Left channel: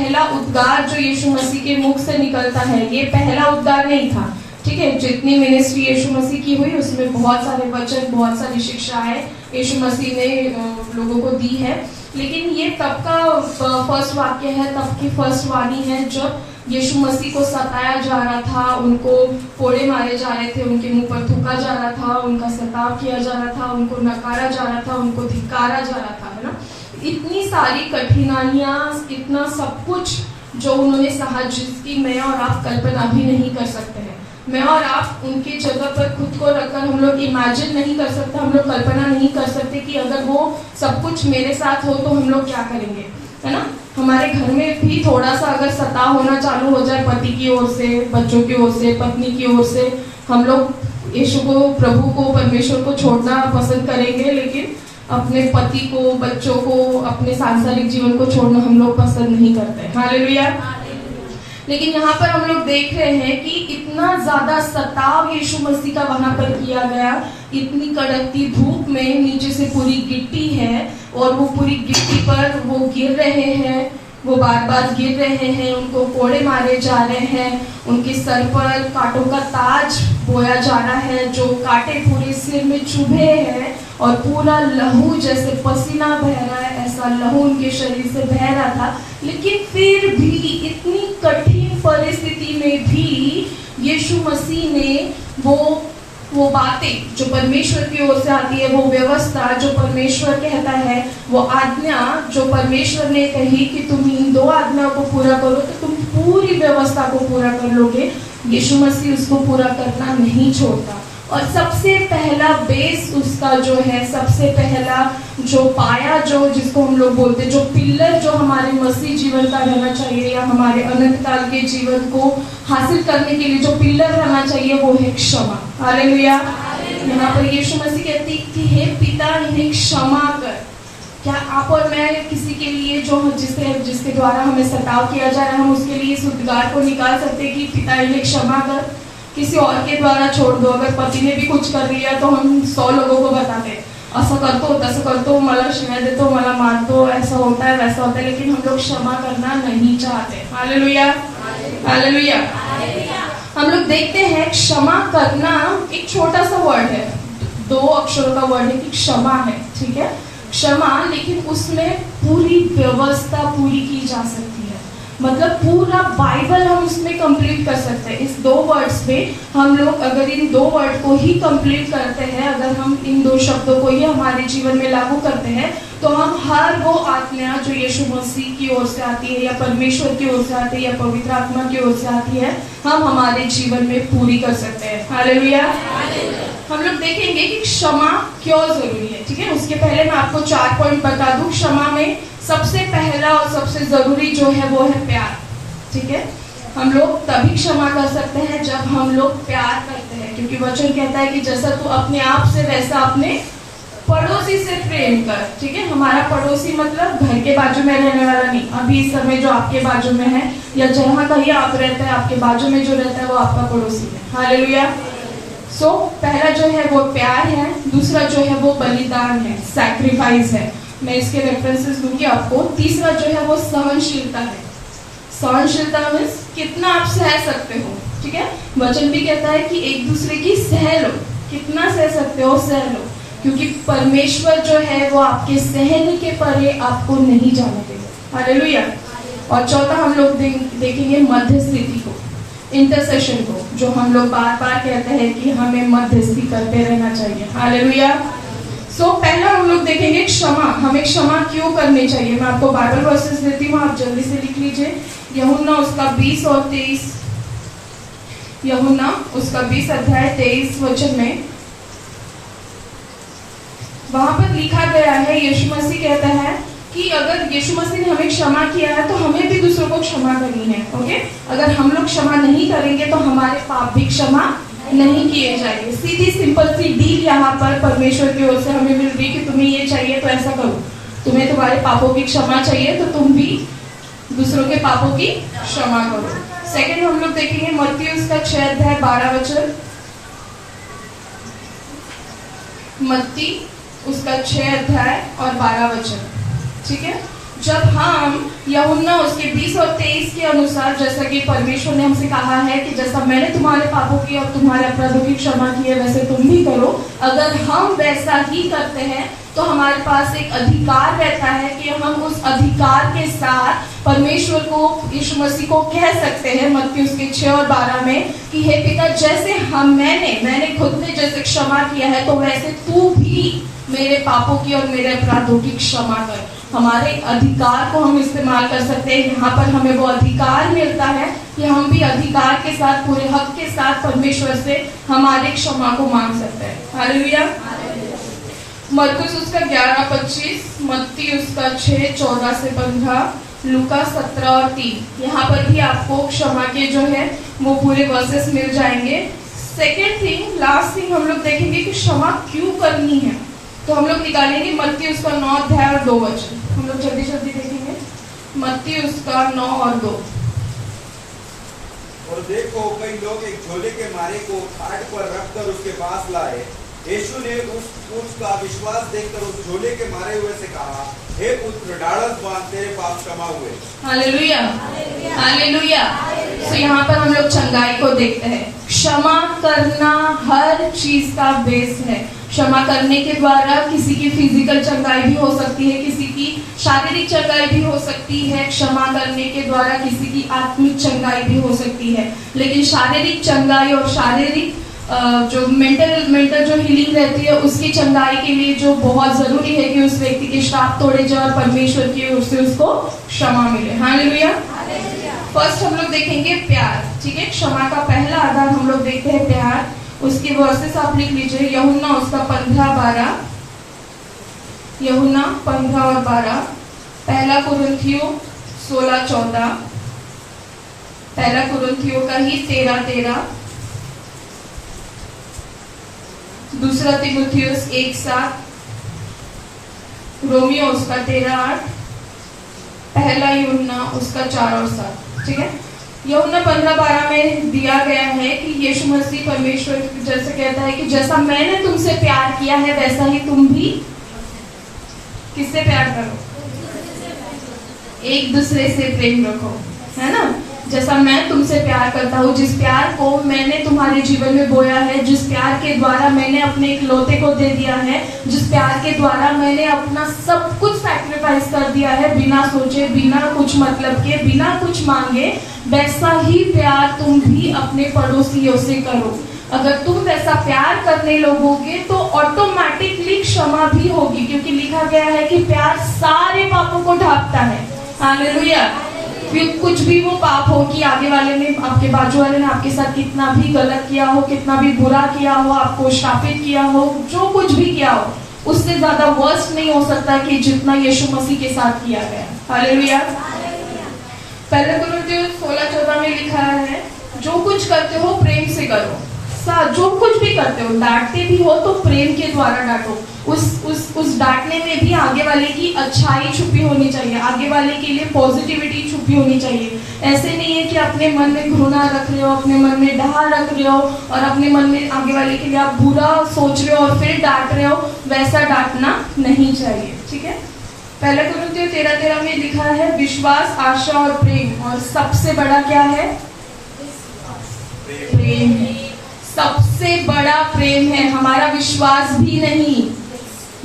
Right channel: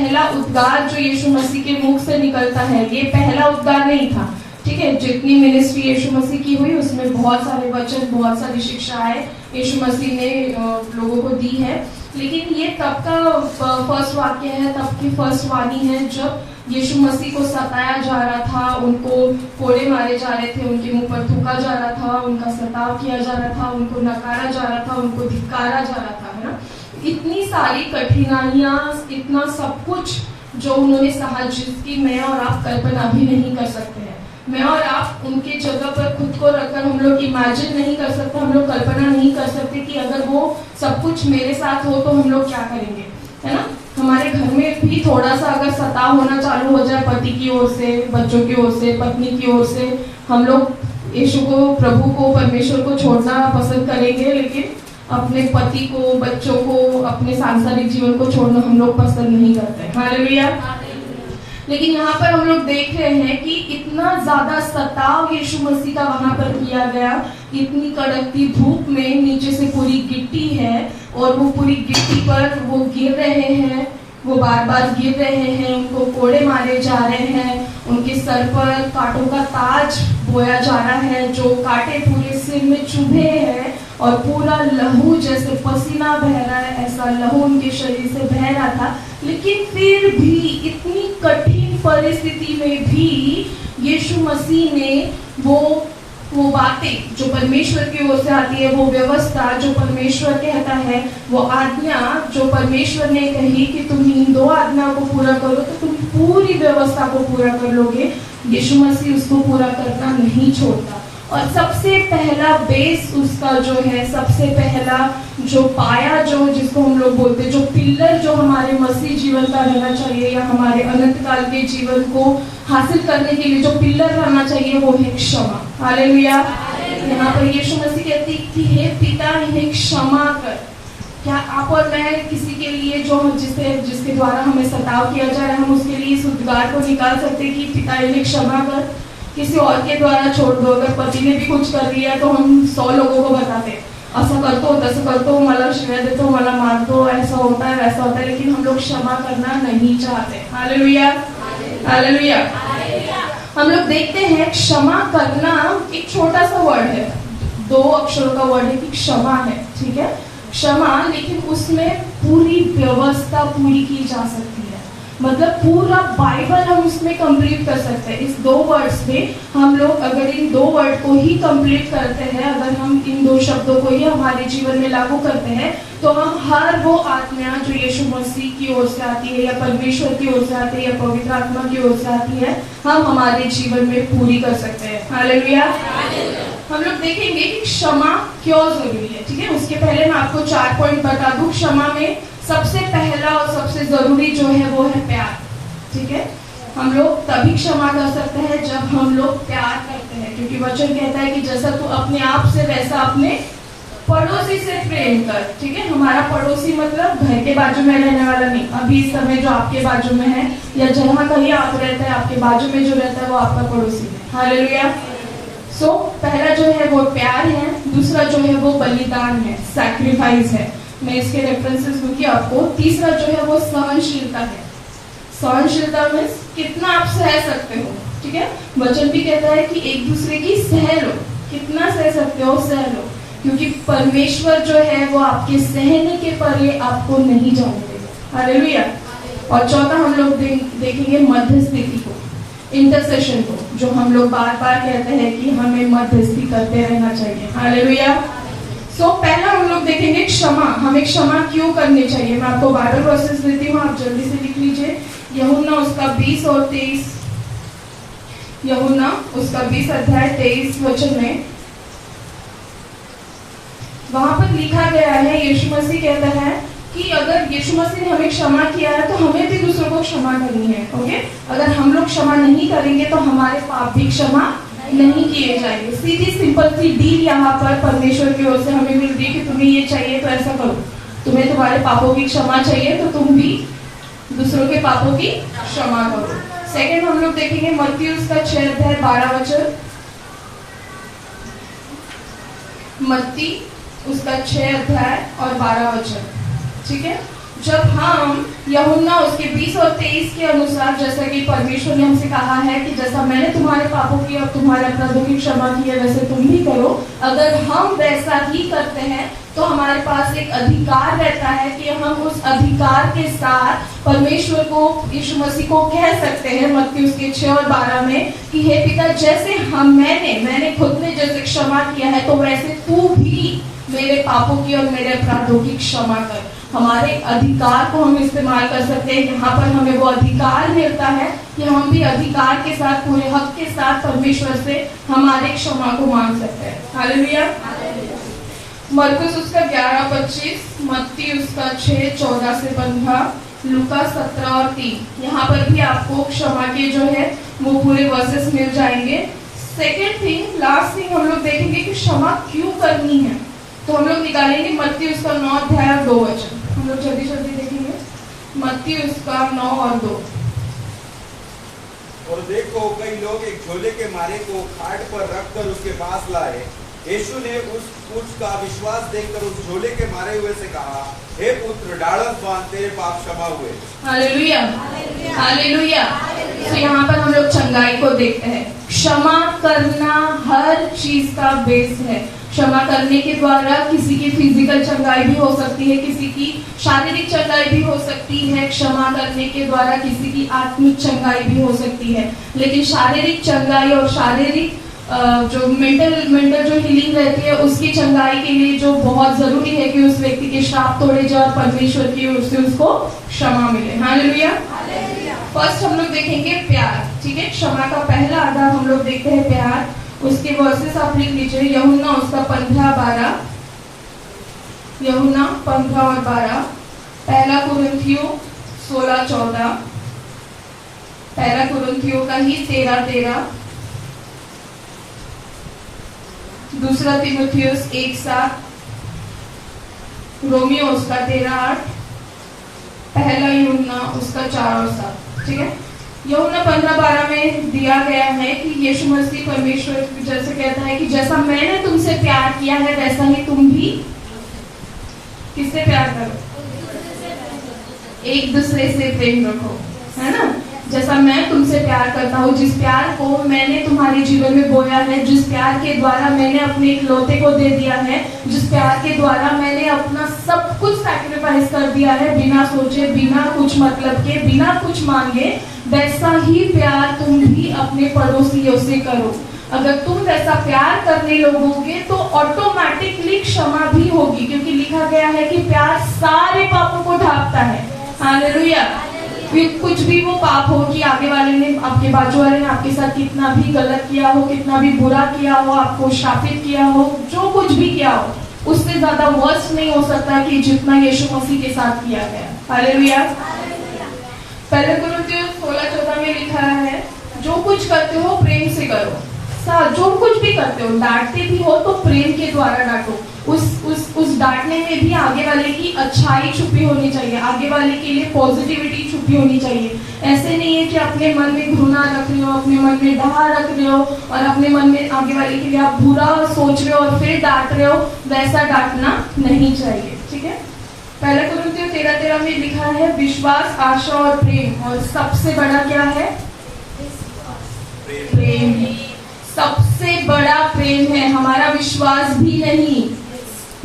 पहला उद्गार जो यीशु मसीह के मुख से निकलता है, ये पहला उद्गार नहीं था। ठीक है, जितनी मिनिस्ट्री यीशु मसीह की हुई उसमें बहुत सारे वचन, बहुत सारी शिक्षाएं यीशु मसीह ने लोगों को दी है, लेकिन ये तब का फर्स्ट वाक्य है, तब की फर्स्ट वाणी है जब यीशु मसीह को सताया जा रहा था, उनको कोड़े मारे जा रहे थे, उनके मुंह पर थूका जा रहा था, उनका सताव किया जा रहा था, उनको नकारा जा रहा था, उनको धिक्कारा जा रहा था, है ना। इतनी सारी कठिनाइयां, इतना सब कुछ जो उन्होंने सहा, जिसकी मैं और आप कल्पना भी नहीं कर सकते हैं। मैं और आप उनके जगह पर खुद को रखकर हम लोग इमेजिन नहीं कर सकते, हम लोग कल्पना नहीं कर सकते कि अगर वो सब कुछ मेरे साथ हो तो हम लोग क्या करेंगे, है ना। हमारे घर में भी थोड़ा सा अगर सताव होना चालू हो जाए पति की ओर से, बच्चों की ओर से, पत्नी की ओर से, हम लोग यीशु को, प्रभु को, परमेश्वर को छोड़ना पसंद करेंगे, लेकिन अपने पति को, बच्चों को, अपने सांसारिक जीवन को छोड़ना हम लोग पसंद नहीं करते। हालेलुया। लेकिन यहाँ पर हम लोग देख रहे हैं कि इतना ज्यादा सताव यीशु मसीह का वहां पर किया गया, इतनी कड़कती धूप में नीचे से पूरी गिट्टी है और वो पूरी गिट्टी पर वो गिर रहे हैं, वो बार बार गिर रहे हैं, उनको कोड़े मारे जा रहे हैं, उनके सर पर कांटों का ताज बोया जा रहा है, जो कांटे पूरे सिर में चुभे हैं और पूरा लहू, जैसे पसीना बह रहा है ऐसा लहू उनके शरीर से बह रहा था। लेकिन फिर भी इतनी कठिन परिस्थिति में भी यीशु मसीह ने वो बातें जो परमेश्वर की ओर से आती है, वो व्यवस्था जो परमेश्वर कहता है, वो आज्ञा जो परमेश्वर ने कही कि तुम इन 2 आज्ञाओं को पूरा करो तो तुम पूरी व्यवस्था को पूरा कर लोगे। यीशु मसीह उसको पूरा करना नहीं छोड़ता। और सबसे पहला बेस उसका जो है, सबसे पहला जो पाया, जो जिसको हम लोग बोलते हैं, जो पिलर जो हमारे मसीह जीवन का रहना चाहिए या हमारे अनंत काल के जीवन को हासिल करने के लिए जो पिलर रहना चाहिए, वो है क्षमा। हालेलुया। यहाँ पर यीशु मसीह कहती कि हे पिता, इन्हें क्षमा कर। क्या आप और मैं किसी के लिए जो जिसके द्वारा हमें सताव किया जा रहा है, हम उसके लिए इस उद्गार को निकाल सकते कि पिता इन्हें क्षमा कर? किसी और के द्वारा छोड़ दो। अगर पति ने भी कुछ कर लिया तो हम 100 लोगों को बताते, असं करतो, तसं करतो, मला शिवाय देतो, मला मारतो, ऐसा होता है, वैसा होता है, लेकिन हम लोग क्षमा करना नहीं चाहते। Hallelujah, hallelujah. हम लोग देखते हैं क्षमा करना एक छोटा सा वर्ड है, 2 अक्षरों का वर्ड है कि क्षमा है, ठीक है, क्षमा, लेकिन उसमें पूरी व्यवस्था पूरी की जा सकती है। मतलब पूरा बाइबल हम उसमें कंप्लीट कर सकते हैं। इस 2 वर्ड्स में हम लोग अगर इन 2 वर्ड को ही कंप्लीट करते हैं, अगर हम इन 2 शब्दों को ही हमारे जीवन में लागू करते हैं, तो हम हर वो आज्ञा जो यीशु मसीह की ओर से आती है या परमेश्वर की ओर से आती है या पवित्र आत्मा की ओर से आती है, हम हमारे जीवन में पूरी कर सकते हैं। हालेलुया। हम लोग देखेंगे कि क्षमा क्यों जरूरी है, ठीक है। उसके पहले मैं आपको 4 पॉइंट बता दूं। क्षमा में सबसे पहला और सबसे जरूरी जो है वो है प्यार, ठीक है। हम लोग तभी क्षमा कर सकते हैं जब हम लोग प्यार करते हैं, क्योंकि वचन कहता है कि जैसा तू अपने आप से वैसा अपने पड़ोसी से प्रेम कर, ठीक है। हमारा पड़ोसी मतलब घर के बाजू में रहने वाला नहीं, अभी इस समय जो आपके बाजू में है या जहाँ कहीं आप रहते हैं, आपके बाजू में जो रहता है वो आपका पड़ोसी है। हालेलुया। सो पहला जो है वो प्यार है, दूसरा जो है वो बलिदान है, सैक्रिफाइस है। मैं इसके रेफरेंसेस दूंगी आपको। तीसरा जो है वो सहनशीलता है। सहनशीलता में कितना आप सह सकते हो, ठीक है। वचन भी कहता है कि एक दूसरे की सह लो, कितना सह सकते हो सह लो, क्योंकि परमेश्वर जो है वो आपके सहने के परे आपको नहीं जाने देगा। हालेलुया। और चौथा हम लोग देखेंगे मध्यस्थिति को, इंटरसेशन को, जो हम लोग बार बार कहते हैं कि हमें मध्यस्थी करते रहना चाहिए। हालेलुया। सो पहला हम लोग देखेंगे क्षमा। हमें क्षमा क्यों करनी चाहिए। मैं आपको बाइबल वर्सेस देती हूँ, आप जल्दी से लिख लीजिए। यूहन्ना उसका 20 और 23, यूहन्ना उसका 20 अध्याय 23 वचन में वहां पर लिखा गया है, यीशु मसीह कहता है कि अगर यीशु मसीह ने हमें क्षमा किया है तो हमें भी दूसरों को क्षमा करनी है। ओके, अगर हम लोग क्षमा नहीं करेंगे तो हमारे पाप भी क्षमा नहीं किए जाएंगे। सीधी सिंपल सी डील यहाँ पर परमेश्वर की ओर से हमें मिल रही है कि तुम्हें ये चाहिए तो ऐसा करो, तुम्हें तुम्हारे पापों की क्षमा चाहिए तो तुम भी दूसरों के पापों की क्षमा करो। सेकंड हम लोग देखेंगे मत्ती उसका 6 अध्याय 12 वचन, मत्ती उसका 6 अध्याय और 12 वचन, ठीक है। जब हम यूहन्ना उसके 20 और 23 के अनुसार, जैसा कि परमेश्वर ने हमसे कहा है कि जैसा मैंने तुम्हारे पापों की और तुम्हारे अपराधों की क्षमा की है वैसे तुम भी करो, अगर हम वैसा ही करते हैं तो हमारे पास एक अधिकार रहता है कि हम उस अधिकार के साथ परमेश्वर को, यीशु मसीह को कह सकते हैं मत्ती उसके 6 और 12 में कि हे पिता, जैसे मैंने खुद ने जैसे क्षमा किया है तो वैसे तू भी मेरे पापों की और मेरे अपराधों की क्षमा कर। हमारे अधिकार को हम इस्तेमाल कर सकते हैं। यहाँ पर हमें वो अधिकार मिलता है कि हम भी अधिकार के साथ, पूरे हक के साथ परमेश्वर से हमारे क्षमा को मांग सकते हैं। हालेलुया। मरकुस उसका 11-25, मत्ती उसका 6-14 से 15, लूका 17 और 3। यहाँ पर भी आपको क्षमा के जो है वो पूरे वर्सेस मिल जाएंगे। सेकेंड थिंग, लास्ट थिंग हम लोग देखेंगे कि क्षमा क्यों करनी है। तो हम लोग निकालेंगे मत्ती उसका 9 अध्याय और 2 वचन। हम लोग जल्दी जल्दी देखेंगे मत्ती उसका 9 और 2। और देखो, कई लोग एक झोले के मारे को खाट पर रखकर उसके पास लाए। यीशु ने उसका विश्वास देखकर उस झोले के मारे हुए से कहा, हे पुत्र, ढाढ़स बांध, तेरे पाप क्षमा हुए। Hallelujah, hallelujah. तो यहाँ पर हम लोग चंगाई को देखते हैं। क्षमा करना हर चीज का बेस है। क्षमा करने के द्वारा किसी की फिजिकल चंगाई भी हो सकती है, किसी की शारीरिक चंगाई भी हो सकती है। क्षमा करने के द्वारा किसी की आत्मिक चंगाई भी हो सकती है। लेकिन शारीरिक चंगाई और शारीरिक जो मेंटल जो हीलिंग रहती है उसकी चंगाई के लिए जो बहुत जरूरी है कि उस व्यक्ति के श्राप तोड़े जाए और परमेश्वर की ओर से उसको क्षमा मिले। हालेलुया। फर्स्ट हम लोग देखेंगे प्यार। ठीक है, क्षमा का पहला आधार हम लोग देखते हैं प्यार। उसके वर्सेस आप लिख लीजिए, यूहन्ना उसका 15-12, यूहन्ना 15 और 12, पहला कुरिन्थियों 16-14, पहला कुरिन्थियों का ही 13-13, दूसरा तीमुथियुस 1:7, रोमियो उसका 13:8, पहला यूहन्ना उसका 4 और 7। ठीक है, यूहन्ना 15-12 में दिया गया है कि यीशु मसीह परमेश्वर जैसे कहता है कि जैसा मैंने तुमसे प्यार किया है वैसा ही तुम भी किससे प्यार करो, एक दूसरे से प्रेम रखो, है ना। जैसा मैं तुमसे प्यार करता हूँ, जिस प्यार को मैंने तुम्हारे जीवन में बोया है, जिस प्यार के द्वारा मैंने अपने इकलौते को दे दिया है, जिस प्यार के द्वारा मैंने अपना सब कुछ सैक्रिफाइस कर दिया है, बिना सोचे, बिना कुछ मतलब के, बिना कुछ मांगे, वैसा ही प्यार तुम भी अपने पड़ोसियों से करो। अगर तुम वैसा प्यार करने लगोगे तो ऑटोमेटिकली क्षमा भी होगी, क्योंकि लिखा गया है कि प्यार सारे पापों को ढांपता है। हालेलुया। कुछ भी वो पाप हो कि आगे वाले ने, आपके बाजू वाले ने आपके साथ कितना भी गलत किया हो, कितना भी बुरा किया हो, आपको श्रापित किया हो, जो कुछ भी किया हो, उससे ज्यादा वर्स्ट नहीं हो सकता कि जितना यीशु मसीह के साथ किया गया। हालेलुया। पहले कुरिन्थियों 16-14 में लिखा है, जो कुछ करते हो प्रेम से करो। जो कुछ भी करते हो, डांटते भी हो तो प्रेम के द्वारा डांटो। उस डांटने में भी आगे वाले की अच्छाई छुपी होनी चाहिए, आगे वाले के लिए पॉजिटिविटी छुपी होनी चाहिए। ऐसे नहीं है कि अपने मन में घृणा रख रहे हो, अपने मन में डहा रख रहे हो और अपने मन में आगे वाले के लिए आप बुरा सोच रहे हो और फिर डांट रहे हो। वैसा डांटना नहीं चाहिए। ठीक है, पहले कुरिन्थियों 13-13 में लिखा है, विश्वास, आशा और प्रेम, और सबसे बड़ा क्या है? प्रेम। सबसे बड़ा प्रेम है, हमारा विश्वास भी नहीं।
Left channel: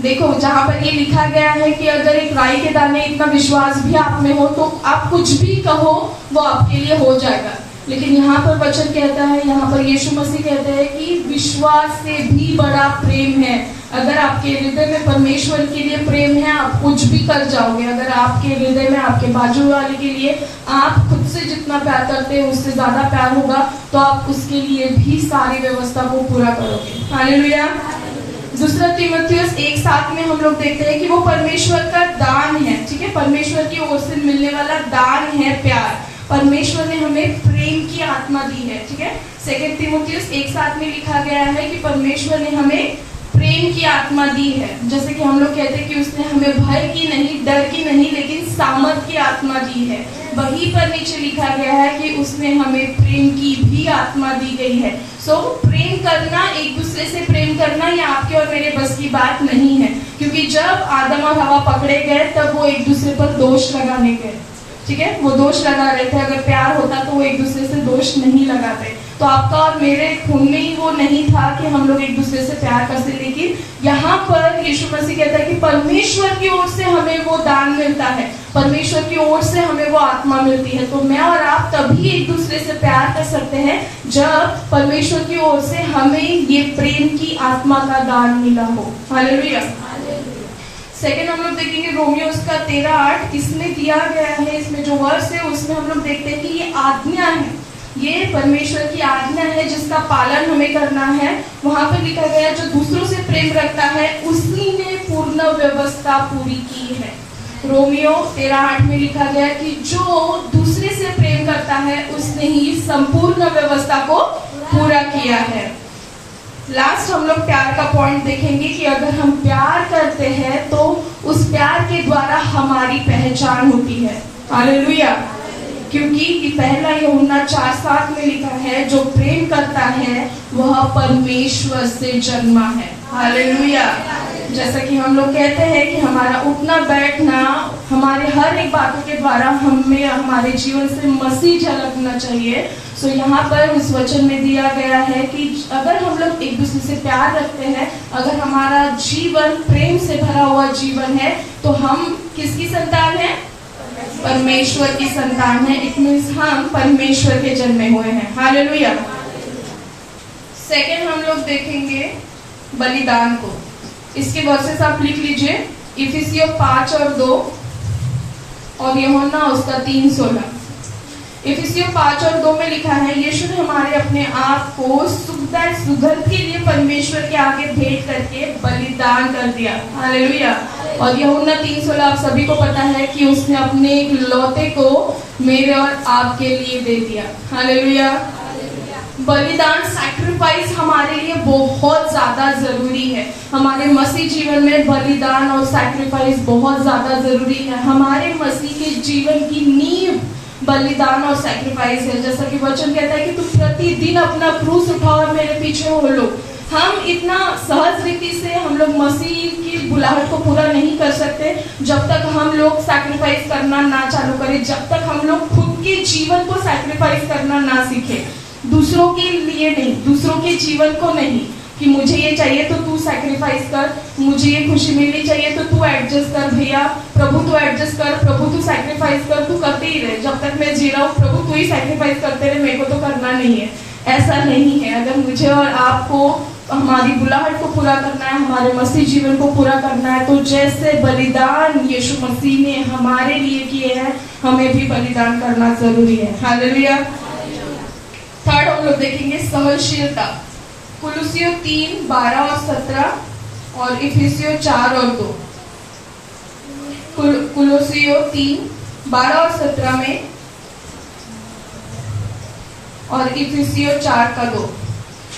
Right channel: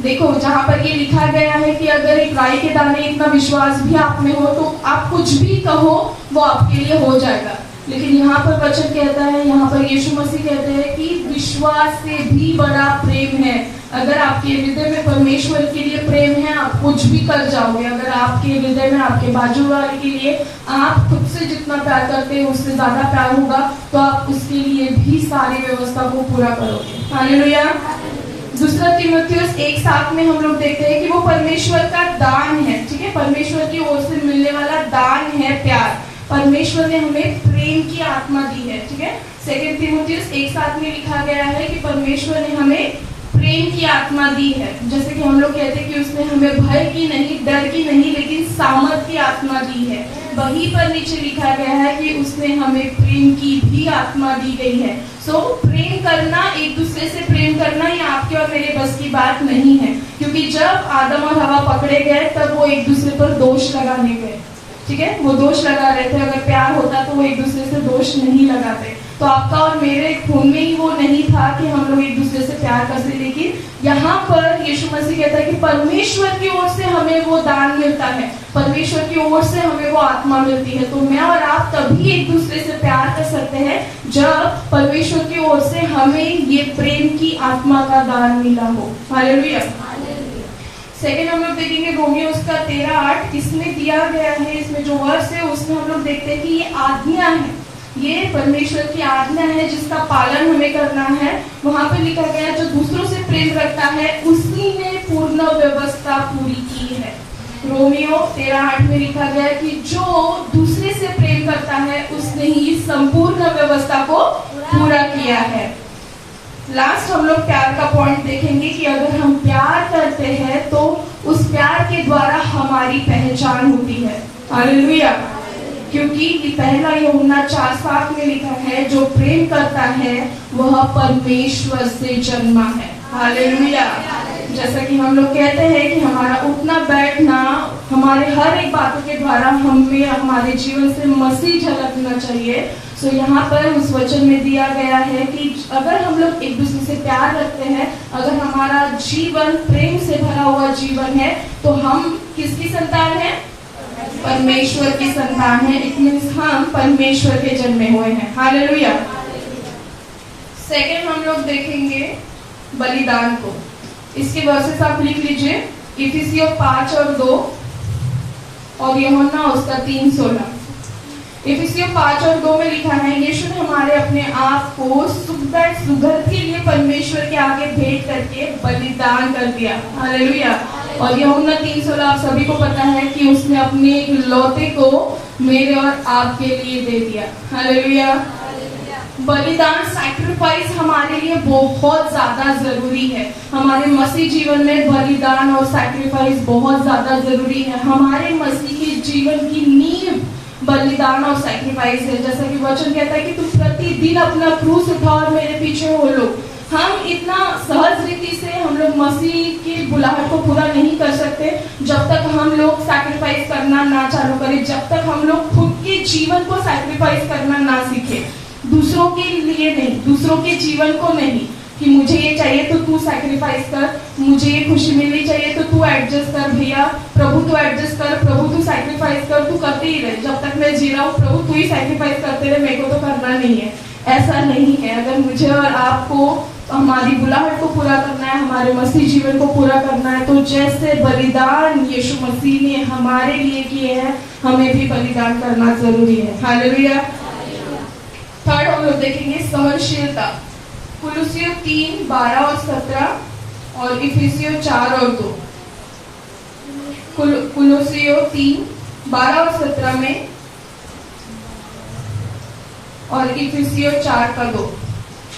देखो, जहाँ पर ये लिखा गया है कि अगर एक राई के दाने इतना विश्वास भी आप में हो तो आप कुछ भी कहो वो आपके लिए हो जाएगा। लेकिन यहाँ पर वचन कहता है, यहाँ पर यीशु मसीह कहते हैं कि विश्वास से भी बड़ा प्रेम है। अगर आपके हृदय में परमेश्वर के लिए प्रेम है, आप कुछ भी कर जाओगे। अगर आपके हृदय में आपके बाजू वाले के लिए आप खुद से जितना प्यार करते हैं उससे ज्यादा प्यार होगा, तो आप उसके लिए भी सारी व्यवस्था को पूरा करोगे। हालेलुया। दूसरा तीमुथियुस 1:7 में हम लोग देखते हैं कि वो परमेश्वर का दान है। ठीक है, परमेश्वर की ओर से मिलने वाला दान है प्यार। परमेश्वर ने हमें प्रेम की आत्मा दी है। ठीक है, सेकंड तीमुथियुस 1:7 में लिखा गया है कि परमेश्वर ने हमें प्रेम की आत्मा दी है। जैसे कि हम लोग कहते हैं कि उसने हमें भय की नहीं, डर की नहीं, लेकिन सामर्थ की आत्मा दी है। वहीं पर नीचे लिखा गया है कि उसने हमें प्रेम की भी आत्मा दी गई है। सो प्रेम करना, एक दूसरे से प्रेम करना, ये आपके और मेरे बस की बात नहीं है, क्योंकि जब आदम और हवा पकड़े गए तब वो एक दूसरे पर दोष लगाने गए, ठीक है, वो दोष लगा रहे थे। अगर प्यार होता तो वो एक दूसरे से दोष नहीं लगाते। तो आपका और मेरे खून में ही वो नहीं था कि हम लोग एक दूसरे से प्यार करते। लेकिन यहाँ पर यीशु मसीह कहता है कि परमेश्वर की ओर से हमें वो दान मिलता है, परमेश्वर की ओर से हमें वो आत्मा मिलती है। तो मैं और आप तभी एक दूसरे से प्यार कर सकते हैं जब परमेश्वर की ओर से हमें ये प्रेम की आत्मा का दान मिला हो। हालेलुया। सेकेंड हम लोग देखेंगे रोमियो उसका 13:8। इसमें दिया गया है, इसमें जो वर्ष है उसमें हम लोग देखते हैं कि ये आज्ञा है, ये परमेश्वर की आज्ञा है जिसका पालन हमें करना है। वहां पर लिखा गया जो दूसरों से प्रेम रखता है उसी ने पूर्ण व्यवस्था पूरी की है। रोमियो 13:8 में लिखा गया कि जो दूसरे से प्रेम करता है उसने ही संपूर्ण व्यवस्था को पूरा किया है। लास्ट हम लोग प्यार का पॉइंट देखेंगे कि अगर हम प्यार करते हैं तो उस प्यार के द्वारा हमारी पहचान होती है। हालेलुया। क्योंकि पहला यूहन्ना 4:7 में लिखा है जो प्रेम करता है वह परमेश्वर से जन्मा है। हालेलुया। जैसा कि हम लोग कहते हैं कि हमारा उठना बैठना, हमारे हर एक बातों के द्वारा हमें हमारे जीवन से मसीह झलकना चाहिए। सो यहाँ पर उस वचन में दिया गया है कि अगर हम लोग एक दूसरे से प्यार रखते हैं, अगर हमारा जीवन प्रेम से भरा हुआ जीवन है, तो हम किसकी संतान है? परमेश्वर की संतान है। इट मीन्स हम परमेश्वर के जन्मे हुए हैं। हालेलुया। सेकेंड हम लोग देखेंगे बलिदान को। इसके वर्सेस आप लिख लीजिए, इफिसियों 5 और 2 और यूहन्ना उसका 3:16। इफिसियों 5 और 2 में लिखा है यीशु ने हमारे अपने आप को सुगंध के लिए परमेश्वर के आगे भेंट करके बलिदान कर दिया। हालेलुया। और यूहन्ना 3:16 आप सभी को पता है कि उसने अपने इकलौते को मेरे और आपके लिए दे दिया। हालेलुया। बलिदान, सैक्रिफाइस हमारे लिए बहुत ज्यादा जरूरी है। हमारे मसीह जीवन में बलिदान और सैक्रिफाइस बहुत ज्यादा जरूरी है। हमारे मसीह के जीवन की नींव बलिदान और सैक्रिफाइस है। जैसा कि वचन कहता है कि तुम प्रतिदिन अपना क्रूस उठाओ और मेरे पीछे हो लो। हम इतना सहज रीति से हम लोग मसीह की बुलाहट को पूरा नहीं कर सकते जब तक हम लोग सैक्रिफाइस करना ना चालू करें, जब तक हम लोग खुद के जीवन को सैक्रिफाइस करना ना सीखे। दूसरों के लिए नहीं, दूसरों के जीवन को नहीं कि मुझे ये चाहिए तो तू सैक्रिफाइस कर, मुझे ये खुशी मिलनी चाहिए तो तू एडजस्ट कर भैया, प्रभु तू एडजस्ट कर, प्रभु तू सैक्रिफाइस कर, तू करते ही रहे, जब तक मैं जी रहा हूँ प्रभु तू ही सैक्रिफाइस करते रहे, मेरे को तो करना नहीं है। ऐसा नहीं है। अगर मुझे और आपको हमारी बुलाहट को पूरा करना है, हमारे मसीह जीवन को पूरा करना है, तो जैसे बलिदान यीशु मसीह ने हमारे लिए किए हैं, हमें भी बलिदान करना जरूरी है। हालेलुया। थर्ड हम लोग देखेंगे सहनशीलता। कुलुसियों 3:12 और 17 और इफिसियों 4 और 2। कुलुसियों 3:12 और 17 में और इफिसियों 4:2।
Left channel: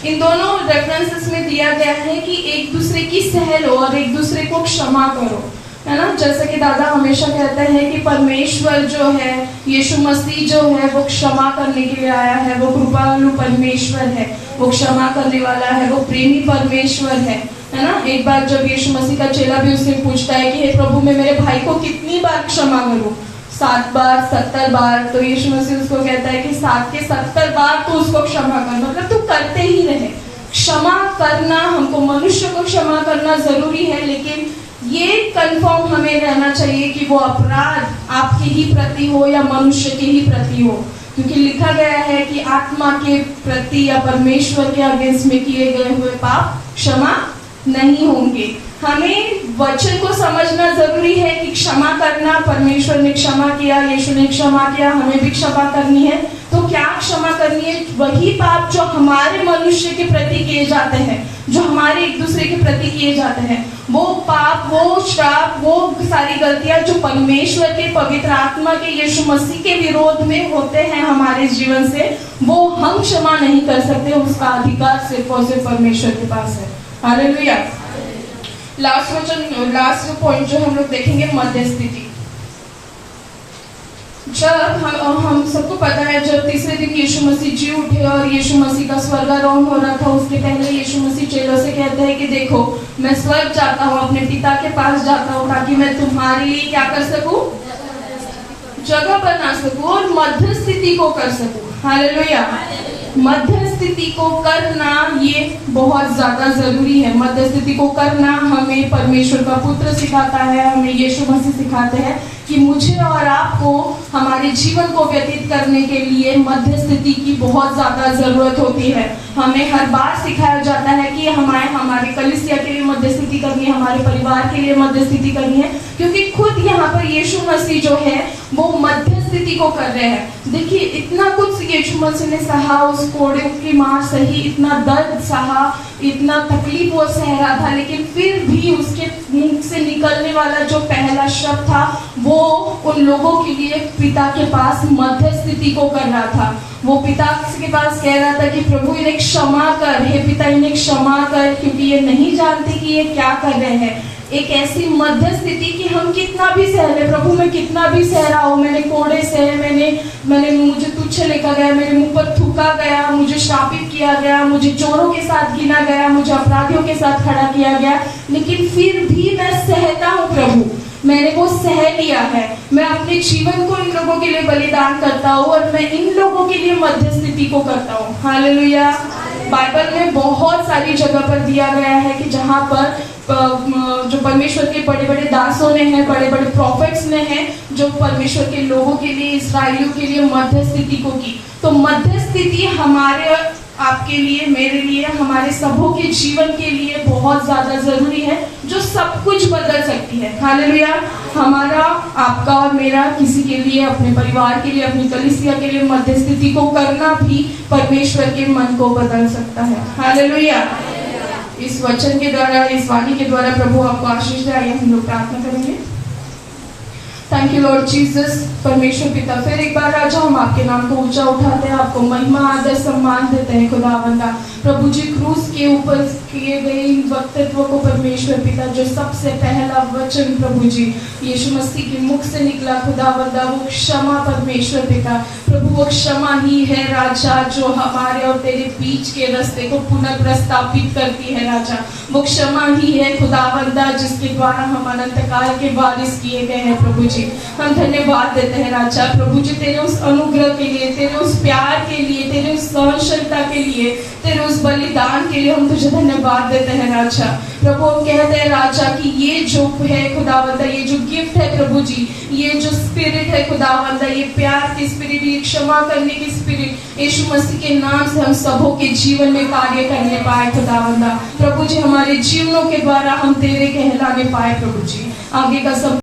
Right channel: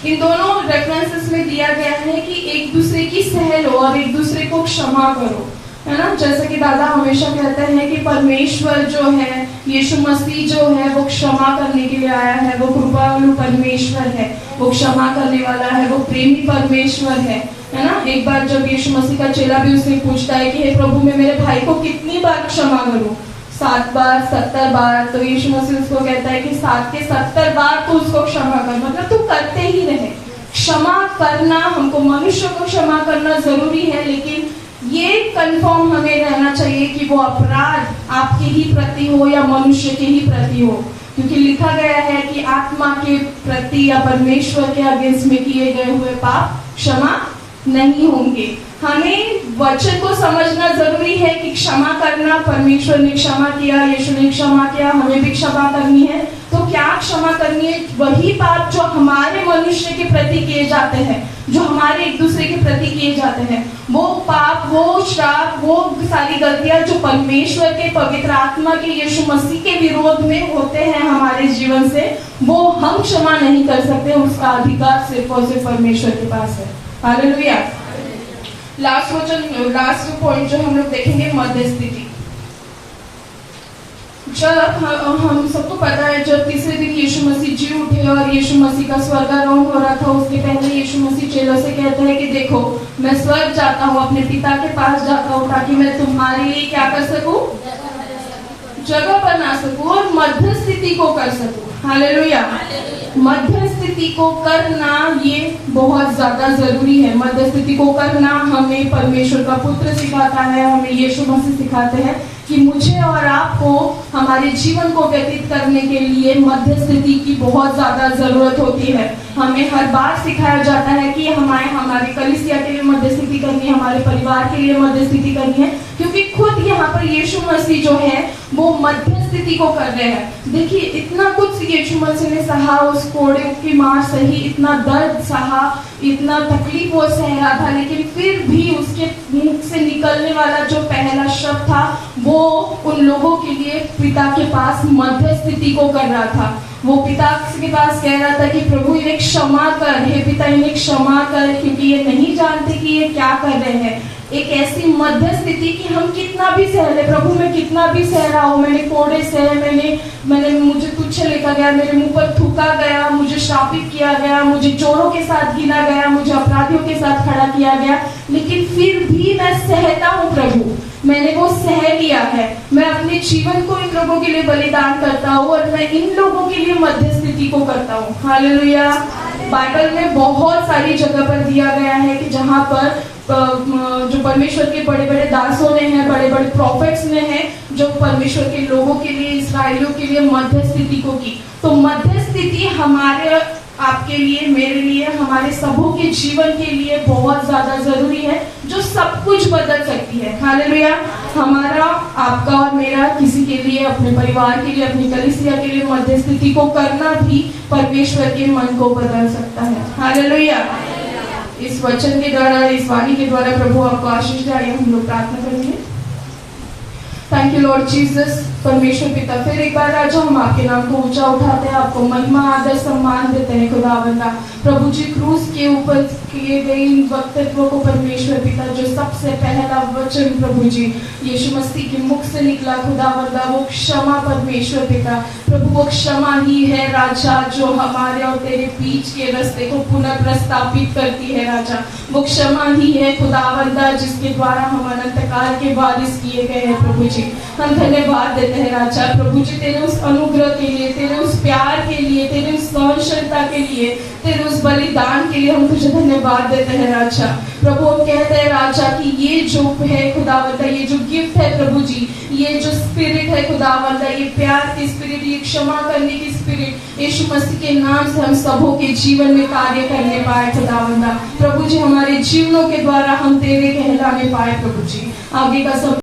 इन दोनों रेफरेंसेस में दिया गया है कि एक दूसरे की सह लो और एक दूसरे को क्षमा करो, है ना। जैसे कि दादा हमेशा कहते हैं कि परमेश्वर जो है, यीशु मसीह जो है, वो क्षमा करने के लिए आया है, वो कृपालु परमेश्वर है, वो क्षमा करने वाला है, वो प्रेमी परमेश्वर है ना। एक बार जब यीशु मसीह का चेला भी उससे पूछता है कि हे प्रभु मैं मेरे भाई को कितनी बार क्षमा करूं? 7 बार, 70 बार। तो यीशु मसीह उसको कहता है कि 7 के 70 बार तो उसको क्षमा कर, मतलब तू करते ही रहे। क्षमा करना, हमको मनुष्य को क्षमा करना जरूरी है, लेकिन ये कंफर्म हमें रहना चाहिए कि वो अपराध आपके ही प्रति हो या मनुष्य के ही प्रति हो, क्योंकि लिखा गया है कि आत्मा के प्रति या परमेश्वर के अगेंस्ट में किए गए हुए पाप क्षमा नहीं होंगे। हमें वचन को समझना जरूरी है कि क्षमा करना, परमेश्वर ने क्षमा किया, यीशु ने क्षमा किया, हमें भी क्षमा करनी है। तो क्या क्षमा करनी है? वही पाप जो हमारे मनुष्य के प्रति किए जाते हैं, जो हमारे एक दूसरे के प्रति किए जाते हैं, वो पाप, वो श्राप, वो सारी गलतियां जो परमेश्वर के पवित्र आत्मा के यीशु मसीह के विरोध में होते हैं हमारे जीवन से, वो हम क्षमा नहीं कर सकते। उसका अधिकार सिर्फ और सिर्फ परमेश्वर के पास है। हालेलुया। लास्ट पॉइंट जो हम लोग देखेंगे मध्यस्थिति। जब हम सबको पता है जब तीसरे दिन यीशु मसीह जी उठे और यीशु मसीह का स्वर्गारोहण हो रहा था, उसके पहले यीशु मसीह चेलों से कहता है कि देखो मैं स्वर्ग जाता हूँ, अपने पिता के पास जाता हूँ, ताकि मैं तुम्हारे लिए क्या कर सकूं, जगह बना सकूं और मध्य स्थिति को कर सकूं। हालेलुया। मध्य स्थिति को करना ये बहुत ज्यादा जरूरी है। मध्य स्थिति को करना हमें परमेश्वर का पुत्र सिखाता है, हमें यीशु मसीह सिखाते हैं कि मुझे और आपको हमारे जीवन को व्यतीत करने के लिए मध्य स्थिति की बहुत ज्यादा जरूरत होती है। हमें हर बार सिखाया जाता है कि हमारे कलीसिया के लिए मध्य स्थिति करनी है, हमारे परिवार के लिए मध्य स्थिति करनी है, क्योंकि खुद यहाँ पर यीशु मसीह जो है वो मध्य स्थिति को कर रहे हैं। देखिए इतना कुछ यीशु मसीह ने सहा, उस कोड़े की मार सही, इतना दर्द सहा, इतना तकलीफ वो सह रहा था, लेकिन फिर भी उसके मुख से निकलने वाला जो पहला शब्द था वो उन लोगों के लिए पिता के पास मध्य स्थिति को कर रहा था। वो पिता के पास कह रहा था कि प्रभु इन्हें क्षमा कर, हे पिता इन्हें क्षमा कर, क्योंकि ये नहीं जानते कि ये क्या कर रहे हैं। एक ऐसी मध्य स्थिति कि हम कितना भी सह ले, प्रभु मैं कितना भी सह रहा हूँ, मैंने कोड़े सहे, मैंने मुझे तुच्छ लेकर गया, मेरे मुंह पर थूका गया, मुझे शापित किया गया, मुझे चोरों के साथ गिना गया, मुझे अपराधियों के साथ खड़ा किया गया, लेकिन फिर भी मैं सहता हूँ प्रभु, मैंने वो सह लिया है। मैं अपने जीवन को इन लोगों के लिए बलिदान करता हूँ और मैं इन लोगों के लिए मध्य स्थिति को करता हूँ। हालेलुया। बाइबल में बहुत सारी जगह पर दिया गया है कि जहाँ पर जो परमेश्वर के बड़े बड़े दासों ने हैं, बड़े बड़े प्रॉफिट्स ने हैं, जो परमेश्वर के लोगों के लिए, इसराइलियों के लिए मध्य स्थिति को की। तो मध्य स्थिति हमारे आपके लिए, मेरे लिए, हमारे सबों के जीवन के लिए बहुत ज्यादा जरूरी है, जो सब कुछ बदल सकती है। हालेलुया। हमारा, आपका और मेरा, किसी के लिए, अपने परिवार के लिए, अपनी कलीसिया के लिए मध्य स्थिति को करना भी परमेश्वर के मन को बदल सकता है। हालेलुया। इस वचन के द्वारा, इस वाणी के द्वारा प्रभु आपको आशीष दे। आइए हम लोग प्रार्थना करेंगे। Thank you Lord Jesus. परमेश्वर पिता, फिर एक बार राजा हम आपके नाम को ऊंचा उठाते हैं, आपको महिमा आदर सम्मान देते हैं खुदावंदा। प्रभु जी क्रूस के ऊपर किए गए इन वक्तव्यों को परमेश्वर पिता, जो सबसे पहला वचन प्रभु जी यीशु मसीह के मुख से निकला खुदावंदा, वो क्षमा परमेश्वर पिता, प्रभु वो क्षमा ही है राजा, जो हमारे और तेरे बीच के रास्ते को पुनर्प्रस्थापित करती है राजा। वो क्षमा ही है खुदावंदा, जिसके द्वारा हम अनंत काल के वारिस किए गए हैं प्रभु जी। हम धन्यवाद देते हैं राजा। प्रभु जी तेरे उस अनुग्रह के लिए, तेरे उस प्यार के लिए, तेरे उस सहनशीलता के लिए, तेरे उस बलिदान के लिए हम तुझे धन्यवाद देते हैं राजा। प्रभु हम कहते हैं राजा कि ये जो है खुदावंदा, ये जो गिफ्ट है प्रभु जी, ये जो स्पिरिट है खुदावंदा, ये प्यार की स्पिरिट, ये क्षमा करने की स्पिरिट, यीशु मसीह के नाम से हम सबों के जीवन में कार्य करने पाए खुदावंदा। प्रभु जी हमारे जीवनों के द्वारा हम तेरे कहलाने पाए प्रभु जी। आगे का सब